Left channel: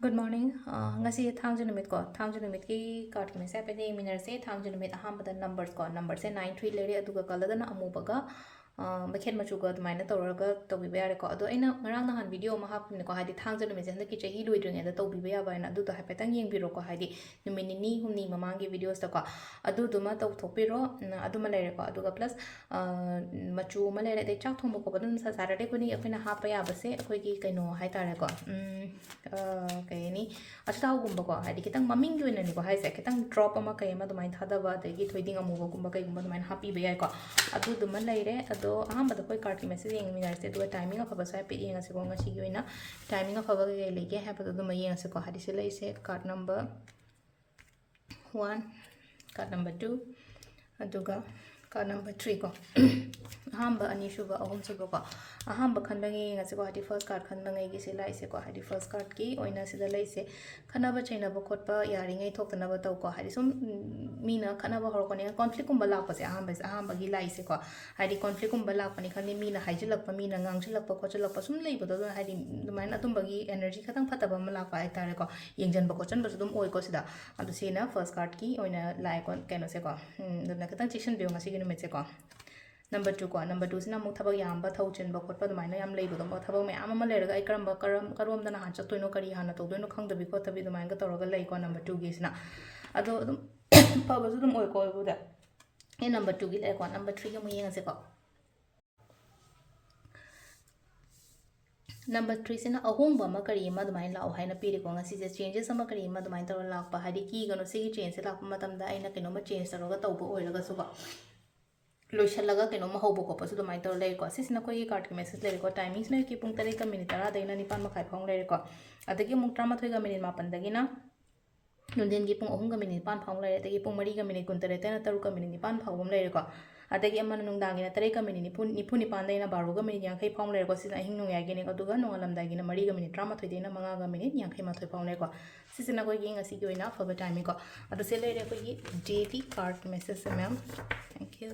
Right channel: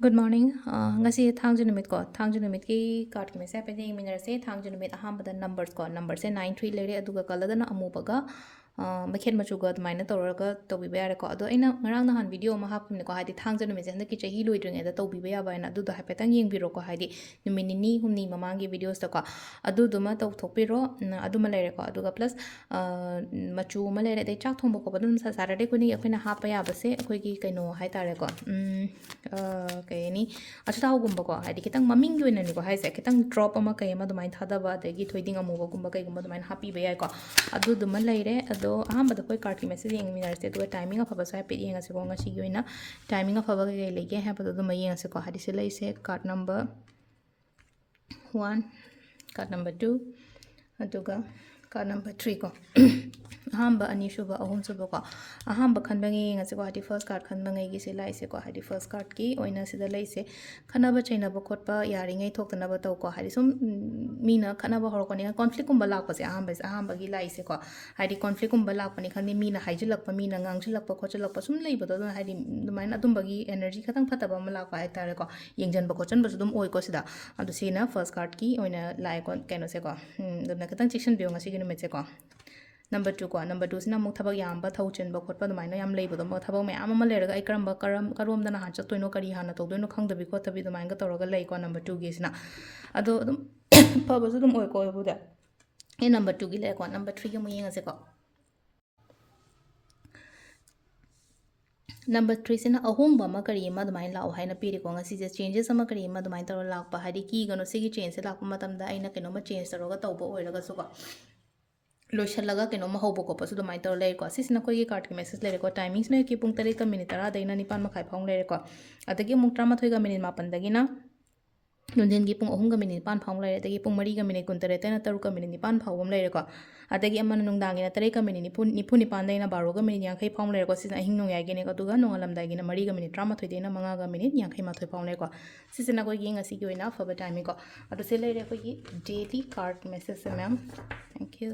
Good morning. Ngasi thangju numit ko thangju numit ki card ki message pede minor se thangju numit aham bada numbers ko number se 93 lere aduga kalada na amu baga bakhet machu ga admaina tawraga tawbi ba ko ado aina ngarang na han video ma hapum ne ko hadi thangju numit se handaki chahi loidring da tawbi ba ya ba na adu da hapetang yeng biro ko hadi numit ni humni mamangi videos ta ko adu duma taw thopiro adu ma lere ko aduga plus machu ma lere dai chak thombo ko badum sa saturday ko ni akhina hapa ya ba se akhoi ki kaino hai tare ko ꯀꯩ ꯍꯥꯏꯅꯤ ꯑꯆꯥꯊꯥꯎꯒꯨꯝꯕꯀꯣ ꯍꯥꯏꯗꯤ ꯈꯤꯇꯪ ꯃꯃꯤꯡꯒꯤ ꯑꯣꯏꯅꯅꯤꯀꯣ ꯍꯥꯏꯁꯦ ꯈꯤꯇꯪ drop ꯑꯃ ꯀꯩ ꯑꯃ ꯑꯗꯨꯃꯥꯏꯅ ꯊꯥꯗꯕ ꯑꯗꯒꯤ ꯊꯣꯏꯗꯤꯡ ꯑꯃꯨꯕꯒꯨꯝꯕ ꯀꯩꯒꯨꯝꯕ ꯑꯗꯨꯃꯥꯏꯅ ꯍꯥꯞꯄꯤꯕ ꯌꯥꯏꯀꯣ ꯑꯗꯨꯗꯨꯃ ꯂꯩꯔꯦ ꯑꯗꯣ ꯑꯍꯥꯟꯕꯗ ꯑꯩꯈꯣꯏ ꯀꯥꯔꯠꯀꯤ ꯃꯦꯁꯦꯖ ꯌꯦꯡꯃꯤꯟꯅꯔꯁꯦ ꯑꯗꯨꯒ ꯇꯥꯏꯃꯤꯡ ꯑꯐꯕꯁꯨ ꯍꯥꯏꯐꯦꯠ ꯌꯦꯡꯉꯁꯤꯀꯣ ꯉꯁꯤꯒꯤ ꯑꯣꯏꯅ ꯇꯥꯏꯃꯤꯡ ꯑꯐꯕ ꯀꯩ ꯂꯩꯒꯦ ꯍꯥꯏꯕꯗꯣ ꯑꯗꯨꯃ ꯌꯦꯡꯉꯁꯤꯀꯣ ꯍꯥꯏꯗꯤ ꯁꯤ ꯂꯩꯁꯦ ꯀꯥꯔꯠ ꯅꯝꯕꯔ 1 ꯀꯥꯔꯠ ꯅꯝꯕꯔ 2 ꯑꯗꯨꯒ ꯀꯥꯔꯠ ꯅꯝꯕꯔ 3 ꯀꯣ ꯑꯍꯥꯟꯕ ꯑꯅꯤꯁꯨꯕ ꯑꯍꯨꯝꯁꯨꯕ ꯀꯣ ꯑꯍꯥꯟꯕ ꯈꯟꯕꯉꯩ ꯌꯦꯡꯉꯁꯤꯀꯣ ꯍꯥꯏꯗꯤ ꯐꯥꯔꯁ ꯀꯥꯔꯠ ꯈꯟꯕꯉꯩꯒꯤꯁꯦ ꯂꯥꯛꯏꯁꯦꯀꯣ ꯍꯥꯏꯗꯤ ꯐꯥꯔꯁ ꯀꯥꯔꯠꯀꯤ ꯑꯣꯏꯅ ꯁꯤꯗ ꯂꯩꯁꯦ ꯈꯟꯅꯕ ꯆꯩꯅꯕ ꯈꯣꯠꯄ ꯌꯥꯔꯤꯉꯩ ꯊꯣꯛꯇꯅꯕ ꯇꯧꯀꯣ ꯍꯥꯏꯗꯤ ꯁꯨꯝ ꯃꯤꯅ ꯈꯠꯅꯕ ꯍꯧꯔꯛꯄꯅꯤꯅ ꯀꯣꯟꯐ꯭ꯂꯤꯛꯀꯨꯝꯕ ꯂꯥꯛꯄꯁꯦ ꯑꯍꯥꯟꯕꯒꯤ ꯂꯥꯛꯏꯁꯦꯀꯣ ꯍꯥꯏꯗꯤ ꯀꯣꯟꯐ꯭ꯂꯤꯛꯀꯨꯝꯕ ꯂꯥꯛꯄꯅꯤ ꯈꯪꯗꯦ ꯃꯤꯅ ꯍꯥꯏꯖꯤꯜꯂꯛꯄ ꯃꯤꯅ ꯉꯥꯡꯁꯤꯜꯂꯛꯄ ꯈꯣꯠꯆꯤꯜꯂꯛꯄ ꯁꯨꯝ ꯂꯩꯕꯗꯣ ꯑꯗꯨꯅ ꯍꯥꯏꯗꯤ ꯑꯗꯨꯃꯥꯏꯅ ꯑꯗꯨꯝꯕꯒꯤ एनर्जी ꯈꯇꯪ ꯐꯠꯇꯕ ꯑꯃ ꯂꯥꯛꯄ ꯍꯥꯏꯇꯥꯔꯦꯀꯣ ꯌꯦꯡꯖꯟꯕ ꯈꯣꯠꯆꯟꯕꯁꯨ ꯑꯗꯨꯝ ꯑꯣꯏꯀꯣ ꯁꯤꯗ ꯑꯗꯣ ꯁꯤꯅ ꯐꯥꯔꯁት ꯀꯥꯔꯠꯀꯤ ꯑꯣꯏꯅ ꯂꯥꯛꯑꯦꯀꯣ ꯀꯩꯅꯣꯁꯦꯀꯣ ꯑꯗꯨꯅ ꯈꯤꯇꯪ ꯆꯦꯛꯁꯤꯟꯕꯤꯌꯣ ꯉꯁꯤꯒꯤ ꯅꯨꯃꯤꯠꯁꯦꯀꯣ ꯅꯝꯕꯔ 2 ꯀꯣ ꯅꯝꯕꯔ 2 ꯁꯤꯅ ꯑꯃꯨꯛ ꯊꯕꯛ ꯌꯥꯝꯕ ꯊꯧ ꯆꯤꯟꯕ ꯈꯣꯠꯄ ꯑꯗꯨꯃꯥꯏꯅ ꯌꯥꯝ ꯂꯩꯕꯗꯣ ꯊꯕꯛ ꯃꯌꯥꯝ ꯑꯃ ꯂꯩꯔꯒ ꯑꯩ ꯀꯔꯣꯝꯗꯅ ꯍꯥꯟꯅ ꯆꯠꯇꯣꯏꯅꯣ ꯀꯔꯤ ꯍꯥꯟꯅ ꯇꯧꯗꯣꯏꯅꯣ ꯈꯪꯗꯕꯤ ꯈꯣꯠꯇꯕꯤ ꯑꯗꯨꯃꯥꯏꯅꯒ ꯇꯧꯔꯒ ꯂꯩꯀꯣ ꯅꯝꯕꯔ 2ꯒꯤꯁꯤꯅ ꯑꯗꯣ ꯑꯗꯨꯝ ꯐꯕꯁꯨ ꯑꯗꯨꯝ ꯑꯣꯏꯀꯣ ꯑꯩꯕꯨꯗꯤ ꯑꯩ ꯅꯝꯕꯔ 2ꯒꯤ ꯂꯩꯀꯣ ꯅꯝꯕर 3ꯒꯤ ꯑꯃꯨꯛ ꯌꯦꯡꯉꯁꯦꯀꯣ नंबर 3 से अहोंब अमा करी अमा अदुमाइन लाओ हाइना पीरेको ngasi चेंजेस अमा करी अमा अदुमाइन तौर लाकपा हाइदि की गनो सिगी चेंज से लाकपा मतमदा आइना केनोमा चेंज तौरगा तौबो ओइरगा सुको लोइसलगा केनोमा हौबो कोपसु अदुमाइन तौर लेको सिसना कोई कार्ड के मैसेज लेरेको टाइमिंग्स ने की पुंग 3 का मिनिट 10 दैना 9 मखाइ फाउंग लेरेको अदगी मुक 13 का मिनिट 9 दगिना नुंदिन की पुंग 3 का मिनिट 5 फाउंग लेरे अदगी पुंग 4 का मिनिट 19 दैना 3 का मिनिट 9 फाउंग लेरेको अदगी अमन नुंगदांगिना 3 का मिनिट 9 दैना 12 का मिनिट 50 फाउंग लेरेको सिसना अहिंग नुंगाइगेने अदुगा नोंगलमदागिना 4 का मिनिट 13 दैना 5 का मिनिट 50 फाउंग लेरेको सिसना कोई ngasi की ओइना फब टाइमिंग को अदो से लेरे कोई डेली कार्ड मैसेज से मैम थैंक यू